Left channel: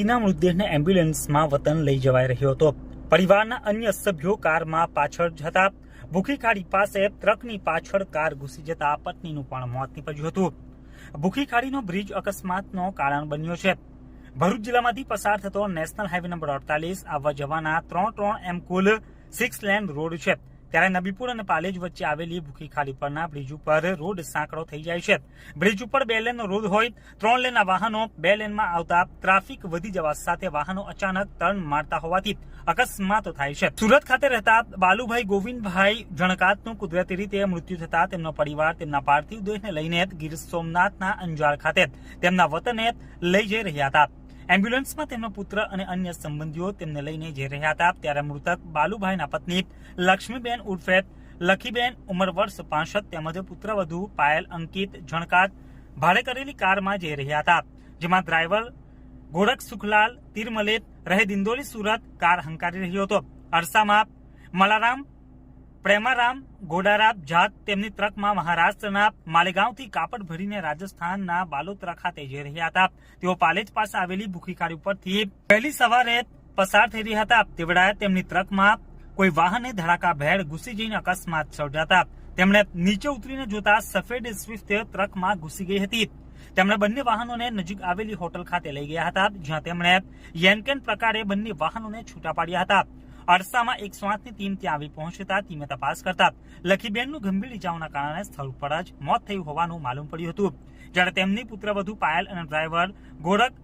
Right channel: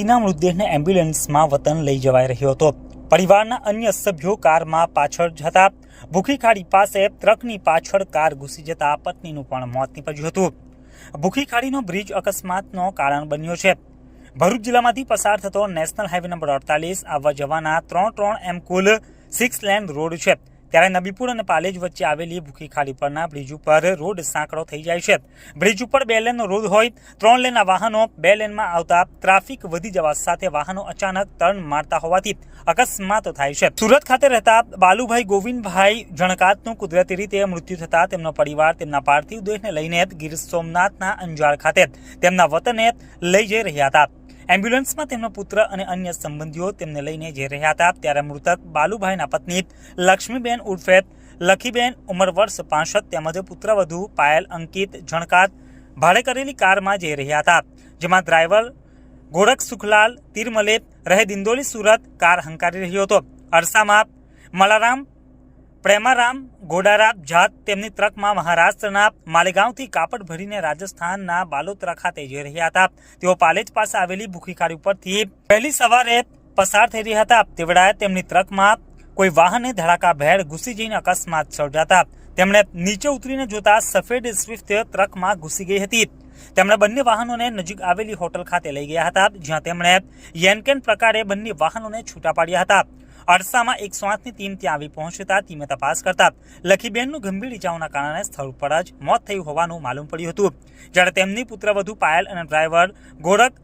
વ્યક્તિના મૃતદેહને એમ્બ્યુલન્સમાં વતન લઈ જવાઈ રહ્યો હતો. પરિવારના અન્ય સભ્યો કારમાં પાછળ જતા ભૂખી ખાડી પાસે ટ્રકની પાછળ કાર ઘૂસી જતા પત્નીનું પણ મોત નીપજ્યું હતું. ભૂખી ખાડીનો બ્રિજ અકસ્માતનો કારણ બન્યો છે. ભરૂચ જિલ્લામાંથી પસાર થતો નેશનલ હાઈવે નંબર અડતાલીસ આવવા જવાના ત્રણ ત્રણ એમ કુલ સિક્સ લેન રોડ છે. ત્યારે નબીપુર અને પાલેજ વચ્ચે આવેલી ભૂખી ખાલી પરના બ્રિજ ઉપર રોડ સાંકડો થઈ જાય છે. બ્રિજ ઉપર બે લેનનો રોડ હોય, ત્રણ લેનના વાહનો, બે લેનમાં આવતા ટ્રાફિક વધી જવા સાથે વાહનો અચાનક ટર્ન મારતા હોવાથી અકસ્માતો થાય છે. સુરત ખાતે રહેતા બાલુભાઈ ગોવિંદભાઈ જણકાતનું કુદરતી રીતે મૃત્યુ થતા તેમનો પરિવાર તેમના પાર્થિવ દેહને લઈને ગીર સોમનાથના અંજાર ખાતે તેમના વતને લઈ જઈ રહ્યા હતા. એમ્બ્યુલન્સમાં તેમનો પુત્ર અને અન્ય સંબંધીઓ તેમને લઈને જઈ રહ્યા હતા. ત્યારે મૃતક બાલુભાઈના પત્ની લક્ષ્મીબેન ઉર્ફે લખીબેન, ઉંમર વર્ષ પાસઠ તેમજ પુત્રવધુ પાયલ, અંકિત જણકાત ભાડે કરેલી કારમાં જઈ રહ્યા હતા. જેમાં ડ્રાઈવર ગોરખ સુખલાલ તિરમલે રહે દિંદોલી સુરત કાર હંકારી રહ્યો હતો. અરસામાં મલારામ પ્રેમારામ ગોડારામ જાત તેમની ટ્રકમાં મહારાષ્ટ્રના માલેગાંવથી કાપડ ભરીને રાજસ્થાનના બાલોતરા ખાતે જઈ રહ્યા હતા. તેઓ પાલેજ પાસે આવેલી ભૂખી ખાડી ઉપરથી પહેલી સવારે પસાર થઈ રહ્યા હતા. તેવડાએ તેમની ટ્રકમાં કોઈ વાહને ધડાકા ભેળ ઘૂસી જઈને અકસ્માત સર્જાતા તેમણે નીચે ઉતરીને જોતા સફેદ સ્વિફ્ટ ટ્રકમાં ઘૂસી ગઈ હતી. તેમણે બંને વાહનોને નજીક આવેલી હોટલ ખાતે લઈ ગયા હતા, જ્યાં તેમણે યેનકેન પ્રકારે બંને વાહનોને છૂટા પાડ્યા હતા. અરસામાં એક સ્વાસની ટીમ ત્યાં આવી પહોંચતા ટીમે તપાસ કરતા લખીબેનનું ગંભીર ઇજાઓના કારણે સ્થળ પર જ મોત થયું હોવાનું માલુમ પડ્યું હતું. જ્યારે તેમની પુત્રવધુ પાયલ અને ડ્રાઈવર ગોરખ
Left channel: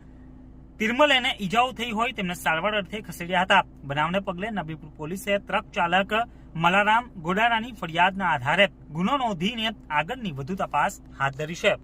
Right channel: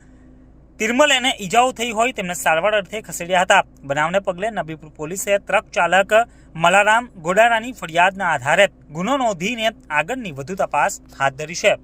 તિરમલેને ઈજાઓ થઈ હોય તેમને સારવાર અર્થે ખસેડ્યા હતા. બનાવને પગલે નબીપુર પોલીસે ટ્રક ચાલક મલારામ ગોડારાની ફરિયાદના આધારે ગુનો નોંધીને આગળની વધુ તપાસ હાથ ધરી છે.